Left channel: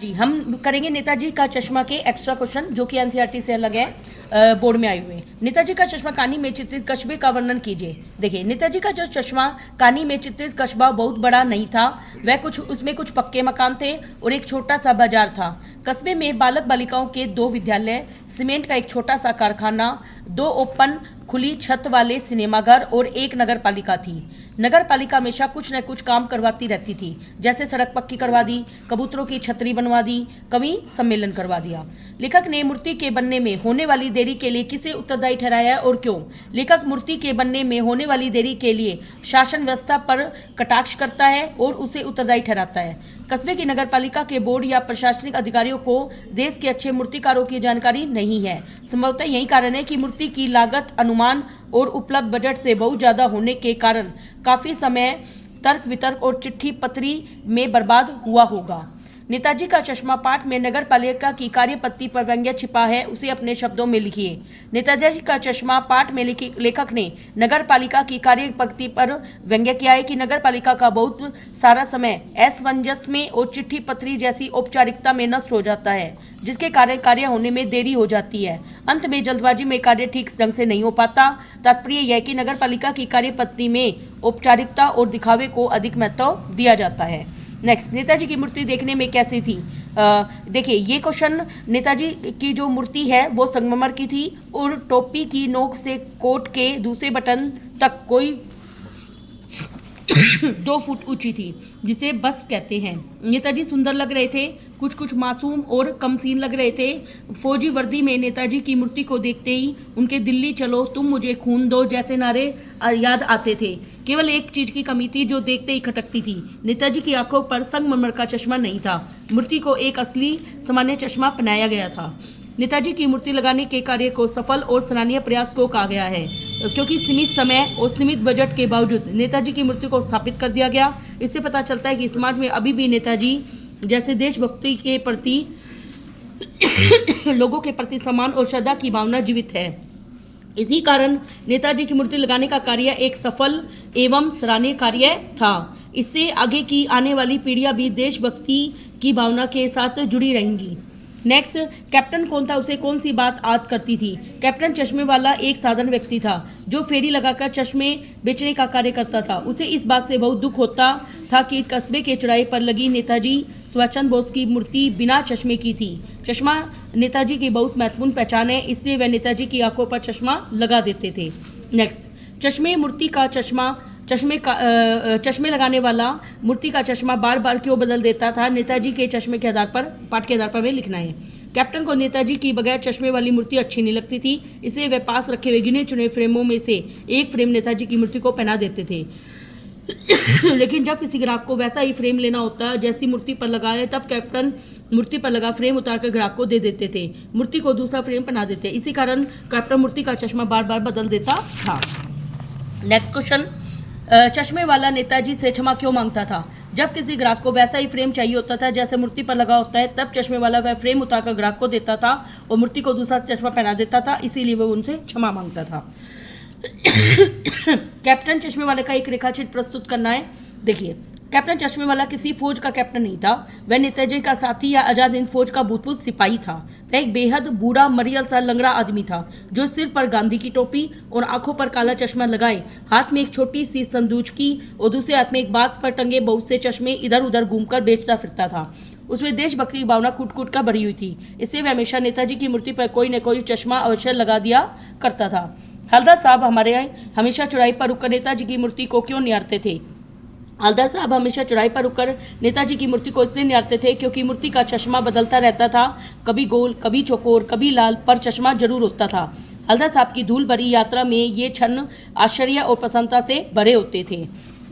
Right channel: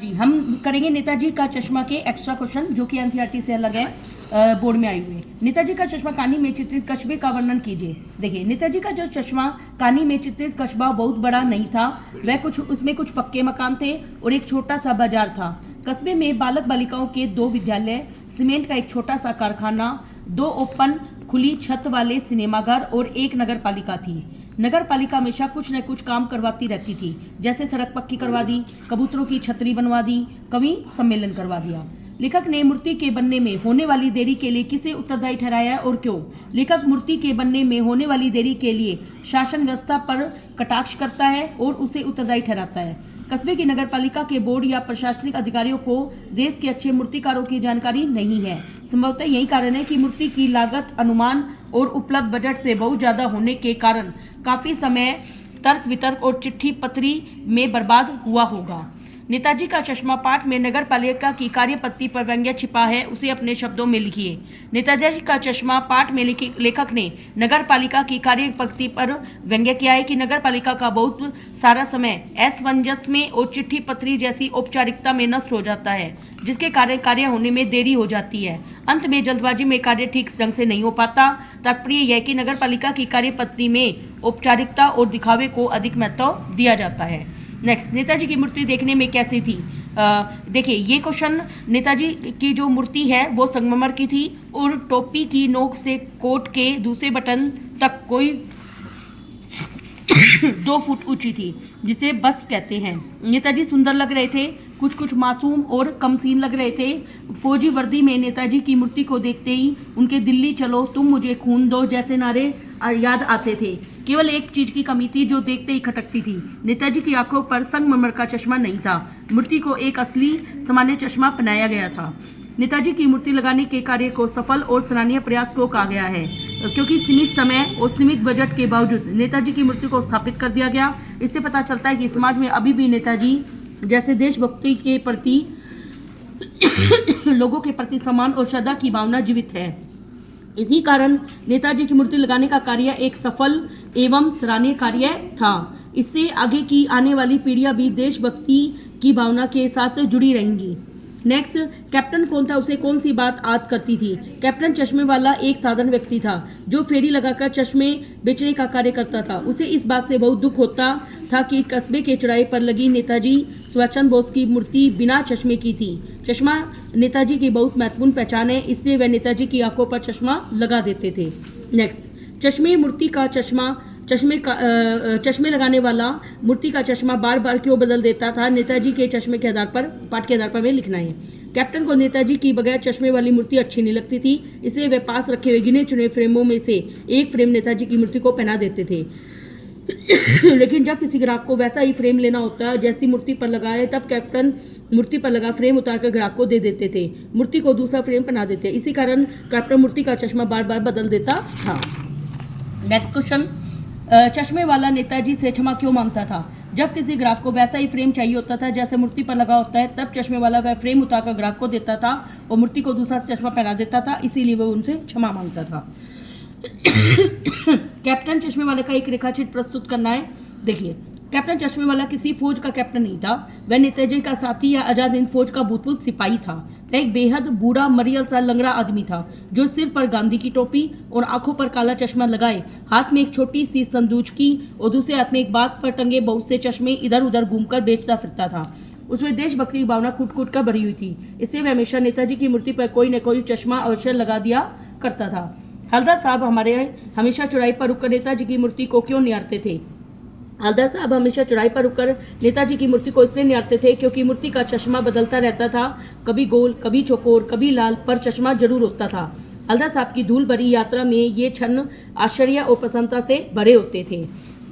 जी, हम करेंगे नेताजी का चश्मा के एक्स्ट्रा क्वेश्चन जो कि एनसीईआरटी से अलग है, बोर्ड में आए हुए। नेताजी का चश्मा कानी में चित्रित कस्बे का वर्णन कीजिए। देखिए, नेताजी का जो चश्मा कानी में चित्रित कस्बा बहुत बड़ा नहीं था। उसमें कुछ पक्के मकान थे और एक छोटा सा बाजार था। कस्बे में बालक बालिकाओं के 2 विद्यालय, सीमेंट का एक छोटा सा कारखाना, 2 ओपन खुली छत वाले सिनेमाघर और एक नगर पालिका थी। नगर पालिका हमेशा कुछ न कुछ काम करवाती रहती थी, जैसे सड़क पक्की करवा दी, कबूतरों की छतरी बनवा दी, कवि सम्मेलन करवा दिया। लेखक ने मूर्ति के बनने में होने वाली देरी के लिए किसे उत्तरदायी ठहराया और क्यों? लेखक मूर्ति के बनने में होने वाली देरी के लिए शासन व्यवस्था पर कटाक्ष करता है और उसे उत्तरदायी ठहराता है। कस्बे की नगर पालिका के बोर्ड या प्रशासनिक अधिकारियों को देश के अच्छे मूर्तिकारों की जानकारी नहीं है। संभवतः यही कारण है कि मूर्ति की लागत अनुमान और उपलब्ध बजट से बहुत ज्यादा होने के कारण काफी समय तर्क वितर्क और चिट्ठी पत्री में बर्बाद हुआ होगा। नेताजी का चश्मा पाठ में नगर पालिका की कार्यपद्धति पर व्यंग्य छिपा है, उसे अपने शब्दों में लिखिए। नेताजी का चश्मा पाठ में लेखक ने नगर पालिका की कार्यपद्धति पर व्यंग्य किया है कि नगर पालिका का बहुत सारा समय असमंजस में और चिट्ठी पत्री जैसी औपचारिकता में नष्ट हो जाता है, जिसके कारण कार्य होने में देरी हो जाती है। अंत में जल्दबाजी में कार्य ठीक ढंग से नहीं हो पाता। तात्पर्य यह कि नगर पालिका की कार्यपद्धति में औपचारिकता और दिखावे को अधिक महत्व दिया जाता है। नेक्स्ट, नेताजी की मूर्ति देखने में कैसी थी? देखिए, ये क्वेश्चन, नेताजी की जो मूर्ति है वो संगमरमर की थी और टोपी की नोक से कोट के दूसरे बटन तक कोई 2 फुट ऊंची थी, जिसे बस कहते हैं। नेताजी सुंदर लग रहे थे, कुछ मासूम और कमसीन लग रहे थे। फौजी वर्दी में नेताजी की मूर्ति को देखते ही उनके दिल्ली चलो, तुम मुझे खून दो जैसे नारे याद आते थे। केवल एक चीज की कमी थी जो देखते ही खटकती थी। नेताजी की आंखों पर संगमरमर का चश्मा नहीं था। मूर्ति को एक असली सामान्य चश्मा पहनाया गया था। नेताजी की मूर्ति लगाने के कार्य को सफल और सराहनीय प्रयास को कहा गया है, क्योंकि सीमित समय और सीमित बजट के बावजूद नेताजी की मूर्ति को स्थापित कर दिया गया। इससे पता चलता है कि समाज में अभी भी नेताजी जैसे देशभक्ति के प्रति लोगों के प्रति सम्मान और श्रद्धा की भावना जीवित है। इसी कारण नेताजी की मूर्ति लगाने का कार्य एक सफल एवं सराहनीय कार्य था। इससे आगे की आने वाली पीढ़ियां भी देशभक्ति की भावना के साथ जुड़ी रहेंगी। नेक्स्ट, कैप्टन कौन था, उसे कौन सी बात याद करती थी? कैप्टन चश्मे वाला एक साधारण व्यक्ति था जो फेरी लगाकर चश्मे बेचने का कार्य करता था। उसे इस बात से बहुत दुख होता था कि कस्बे के चौराहे पर लगी नेताजी सुभाष चंद्र बोस की मूर्ति बिना चश्मे की थी। चश्मा नेताजी की बहुत महत्वपूर्ण पहचान है, इसलिए वह नेताजी की आंखों पर चश्मा लगा देते थे। नेक्स्ट, चश्मे मूर्ति का चश्मे लगाने वाला मूर्ति का चश्मा बार बार क्यों बदल देता था? नेताजी के चश्मे के आधार पर, पाठ के आधार पर वे लिखना है। कैप्टन को नेताजी की बगैर चश्मे वाली मूर्ति अच्छी नहीं लगती थी, इसलिए वे पास रखे हुए गिने चुने फ्रेमों में से एक फ्रेम नेताजी की मूर्ति को पहना देते थे। लेकिन जब किसी ग्राहक को वैसा ही फ्रेम लेना होता जैसी मूर्ति पर लगा है, तब कैप्टन मूर्ति पर लगा फ्रेम उतारकर ग्राहक को दे देते थे, मूर्ति को दूसरा फ्रेम पहना देते। इसी कारण कैप्टन मूर्ति का चश्मा बार बार बदल देता था। नेक्स्ट क्वेश्चन, चश्मे वाला नेताजी से क्षमा क्यों मांगता था? जब किसी ग्राहक को वैसा ही फ्रेम चाहिए होता था जैसे मूर्ति पर लगा होता है, तब चश्मे वाला वह फ्रेम उतारकर ग्राहक को देता था और मूर्ति को दूसरा चश्मा पहना देता था, इसीलिए वो उनसे क्षमा मांगता था। कैप्टन चश्मे वाले का एक रेखाचित्र प्रस्तुत करना है। देखिए, कैप्टन चश्मे वाला किसी फौज का कैप्टन नहीं था, वह नेताजी का साथी या आजाद हिंद फौज का भूतपूर्व सिपाही था। वह एक बेहद बूढ़ा मरियल सा लंगड़ा आदमी था जो सिर पर गांधी की टोपी और आंखों पर काला चश्मा लगाए, हाथ में एक छोटी सी संदूक की और दूसरे हाथ में एक बांस पर टंगे बहुत से चश्मे इधर उधर घूमकर बेचता फिरता था। उसमें देशभक्ति की भावना कूट कूट कर भरी हुई थी, इससे वह हमेशा नेताजी की मूर्ति पर कोई न कोई चश्मा अवश्य लगा दिया करता था। हलदर साहब हमारे हमेशा चौराहे पर रुककर नेताजी की मूर्ति को क्यों निहारते थे? हलदर साहब हमेशा चौराहे पर रुककर नेताजी की मूर्ति को इसलिए निहारते थे क्योंकि मूर्ति का चश्मा बदलता रहता था, कभी गोल, कभी चौकोर, कभी लाल, पर चश्मा जरूर होता था। हलदर साहब की धूल भरी यात्रा में ये क्षण आश्चर्य और प्रसन्नता से भरे होते थे।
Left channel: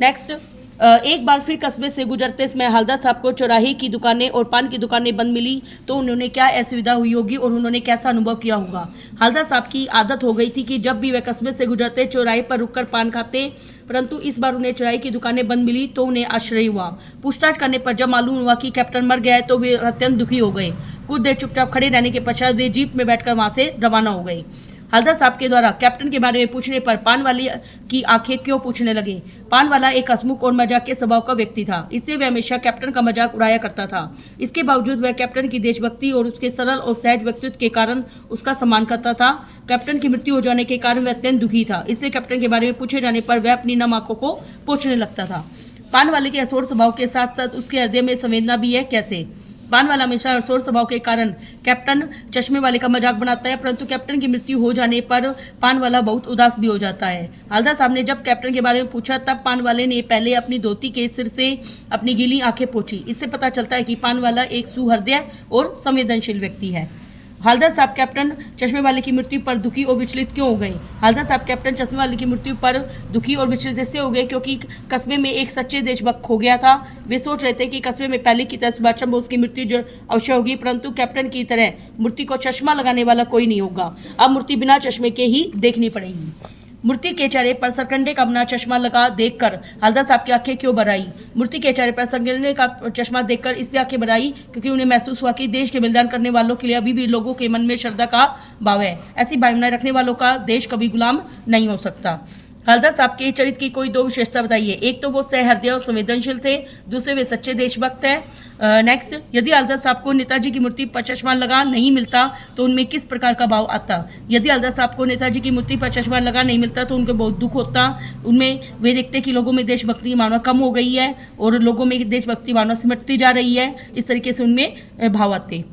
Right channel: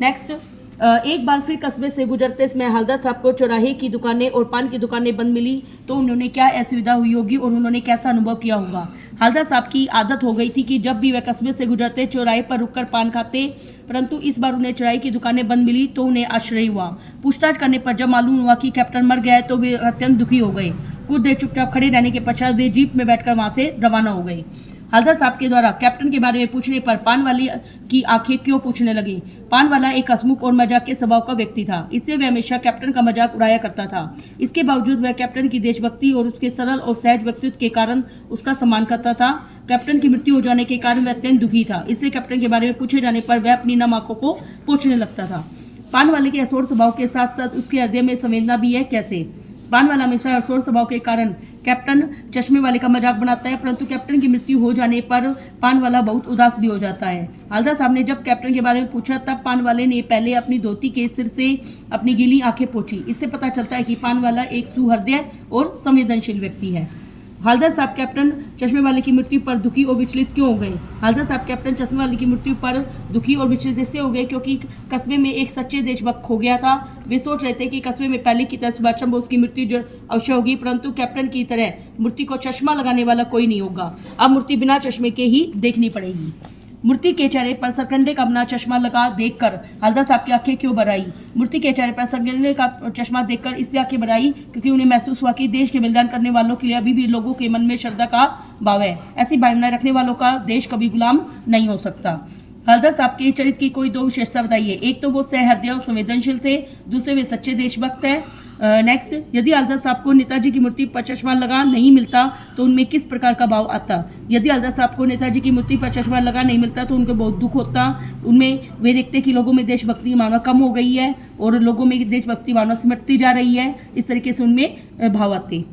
नेक्स्ट, एक बार फिर कस्बे से गुजरते समय हलदर साहब को चौराहे की दुकानें और पान की दुकानें बंद मिली तो उन्होंने क्या असुविधा हुई होगी और उन्होंने कैसा अनुभव किया होगा? हलदर साहब की आदत हो गई थी कि जब भी वह कस्बे से गुजरते चौराहे पर रुककर पान खाते, परंतु इस बार उन्हें चौराहे की दुकानें बंद मिली तो उन्हें आश्चर्य हुआ। पूछताछ करने पर जब मालूम हुआ कि कैप्टन मर गया है तो वे अत्यंत दुखी हो गए। कुछ देर चुपचाप खड़े रहने के पश्चात वे जीप में बैठकर वहां से रवाना हो गए। हल्दर साहब के द्वारा कैप्टन के बारे में पूछने पर पानवाली की आंखें क्यों पूछने लगी। पानवाला एक हंसमुख और मजाक के स्वभाव का व्यक्ति था, इससे वह हमेशा कैप्टन का मजाक उड़ाया करता था। इसके बावजूद वह कैप्टन की देशभक्ति और उसके सरल और सहज व्यक्तित्व के कारण उसका सम्मान करता था। कैप्टन की मृत्यु हो जाने के कारण वह अत्यंत दुखी था, इससे कैप्टन के बारे में पूछे जाने पर वह अपनी नम आंखों को पोंछने लगता था। पानवाले के असोर स्वभाव के साथ साथ उसके हृदय में संवेदना भी है। कैसे? पानवाला हमेशा असोर स्वभाव के कारण कैप्टन चश्मे वाले का मजाक बनाता है, परंतु कैप्टन की मृत्यु हो जाने पर पानवाला बहुत उदास भी हो जाता है। हल्दर साहब ने जब कैप्टन के बारे में पूछा तब पानवाले ने पहले अपनी धोती के सिर से अपनी गीली आंखें पोंछी। इससे पता चलता है कि पानवाला एक सुहृदय और संवेदनशील व्यक्ति है। हल्दर साहब कैप्टन चश्मे वाले की मृत्यु पर दुखी और विचलित क्यों हो गए? हल्दर साहब कैप्टन चश्मे वाले की मृत्यु पर दुखी और विचलित इससे हो गए क्योंकि कस्बे में एक सच्चे देशभक्त खो गया था। वे सोच रहे थे कि कस्बे में पहले की तरह सुभाष चंद्र बोस की मृत्यु जो अवश्य होगी, परंतु कैप्टन की तरह मूर्ति को चश्मा लगाने वाला कोई नहीं होगा। अब मूर्ति बिना चश्मे के ही देखनी पड़ेगी। मूर्ति के चेहरे पर सरकंडे का अपना चश्मा लगा देखकर हल्दर साहब की आंखें क्यों भर आई? मूर्ति के चेहरे पर सरकंडे का चश्मा देखकर इससे आंखें भर आई क्योंकि उन्हें महसूस हुआ कि देश के बलिदान करने वालों के लिए अभी भी लोगों के मन में श्रद्धा का भाव है। ऐसी भावनाएं रखने वालों का देश कभी गुलाम नहीं हो सकता। हल्दर साहब के चरित्र की कोई दो विशेषता बताइए। एक तो वो सहृदय और संवेदनशील थे, दूसरे वे सच्चे देशभक्त हैं। नेक्स्ट, यदि हल्दर साहब को नेताजी की मूर्ति पर चश्मा लगा नहीं मिलता तो उनमें किस प्रकार का भाव आता? यदि हल्दर साहब को नेताजी की मूर्ति पर चश्मा लगा नहीं मिलता तो उनको बहुत दुख होता। उनमें वे देखते कि लोगों में देशभक्ति की भावना कम हो गई है और लोगों में देशभक्ति भावना सिमटती जा रही है। इस तरीके से उनमें भाव आते।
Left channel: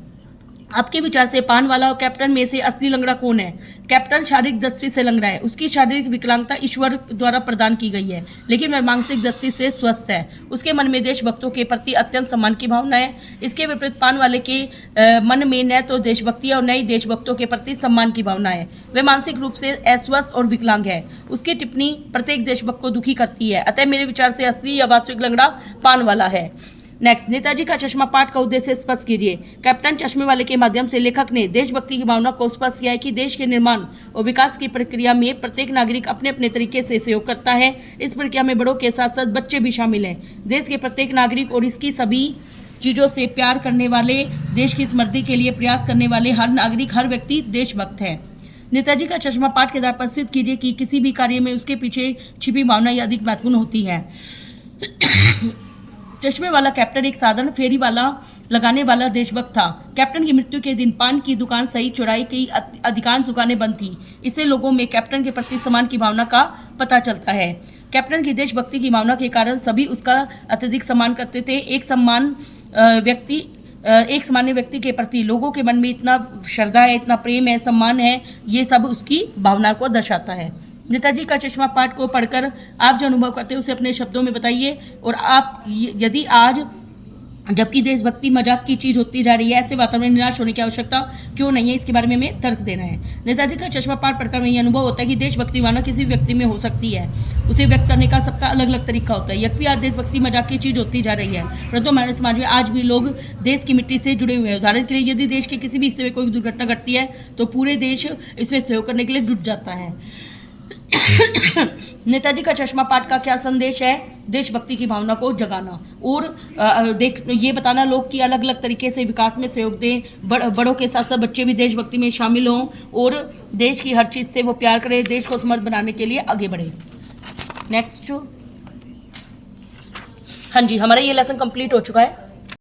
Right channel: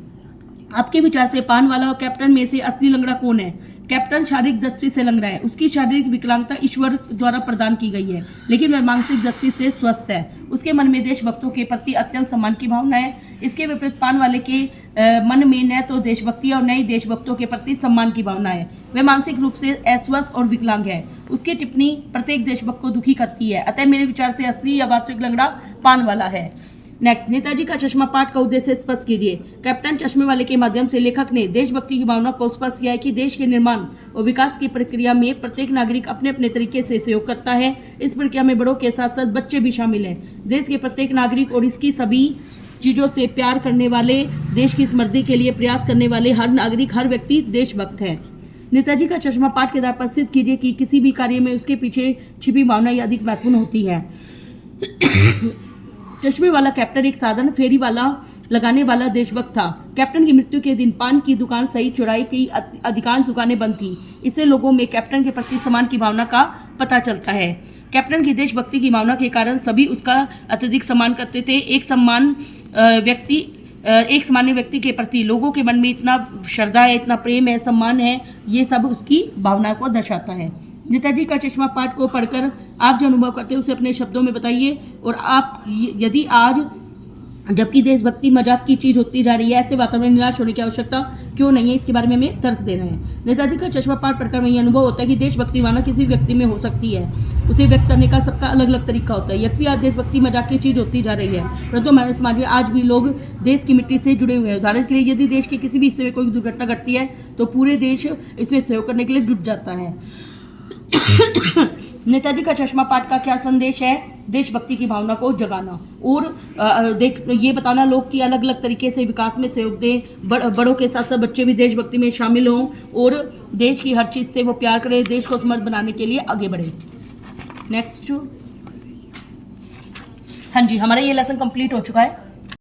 आपके विचार से पानवाला और कैप्टन में से असली लंगड़ा कौन है? कैप्टन शारीरिक दृष्टि से लंगड़ा है, उसकी शारीरिक विकलांगता ईश्वर द्वारा प्रदान की गई है, लेकिन वह मानसिक दृष्टि से स्वस्थ है। उसके मन में देशभक्तों के प्रति अत्यंत सम्मान की भावना है। इसके विपरीत पानवाले के मन में न तो देशभक्ति और न ही देशभक्तों के प्रति सम्मान की भावना है। वह मानसिक रूप से अस्वस्थ और विकलांग है। उसकी टिप्पणी प्रत्येक देशभक्त को दुखी करती है। अतः मेरे विचार से असली या वास्तविक लंगड़ा पानवाला है। नेक्स्ट, नेताजी का चश्मा पाठ का उद्देश्य स्पष्ट कीजिए। कैप्टन चश्मे वाले के माध्यम से लेखक ने देशभक्ति की भावना को स्पष्ट किया है कि देश के निर्माण और विकास की प्रक्रिया में प्रत्येक नागरिक अपने अपने तरीके से सहयोग करता है। इस प्रक्रिया में बड़ों के साथ साथ बच्चे भी शामिल हैं। देश के प्रत्येक नागरिक और इसकी सभी चीज़ों से प्यार करने वाले, देश की समृद्धि के लिए प्रयास करने वाले हर नागरिक, हर व्यक्ति देशभक्त है। नेताजी का चश्मा पाठ के द्वारा सिद्ध कीजिए कि किसी भी कार्य में उसके पीछे छिपी भावना ही अधिक महत्वपूर्ण होती है। चश्मे वाला कैप्टन एक साधारण फेरी वाला लगाने वाला देशभक्त था। कैप्टन की मृत्यु के दिन पान की दुकान सहित चौराहे की अधिकांश दुकानें बंद थी। इससे लोगों में कैप्टन के प्रति सम्मान की भावना का पता चलता है। कैप्टन की देशभक्ति की भावना के कारण सभी उसका अत्यधिक सम्मान करते थे। एक सामान्य व्यक्ति के प्रति लोगों के मन में इतना श्रद्धा है, इतना प्रेम है, सम्मान है, ये सब उसकी भावना को दर्शाता है। नेताजी का चश्मा पाठ को पढ़कर आप जो अनुभव करते हैं उसे अपने शब्दों में बताइए। और आप यदि आज जबकि देशभक्ति मजाक की चीज़ होती जा रही है, ऐसे वातावरण में निराश होने की आवश्यकता क्यों नहीं है, इसके बारे में हमें तर्क देना है। नेताजी का चश्मा पाठ पढ़कर में ये अनुभव होता है कि देशभक्ति भावना किसी व्यक्ति में हो सकती है, उसे व्यक्त करने का सबका अलग अलग तरीका होता है। यद्यपि आज देशभक्ति मजाक की चीज़ होती जा रही है, परंतु हमारे समाज में आज भी लोग देश की मिट्टी से जुड़े हुए हैं। उदाहरण के लिए यदि देश के किसी भी हिस्से में कोई दुर्घटना घटती है तो पूरे देश इसमें सहयोग करने के लिए जुट जाता है। नेताजी का चश्मा पाठ का क्या संदेश है? देशभक्ति की भावना को जगाना और ये बताना लोग कि अलग अलग तरीके से विकास में सहयोग दें, बड़ों के साथ साथ बच्चे भी देशभक्ति में शामिल हों और देश की हर चीज़ से वो प्यार करें, देश को समृद्ध बनाने के लिए आगे बढ़ें। नेक्स्ट, हाँ जी, हमारा ये लेसन कंप्लीट हो चुका है।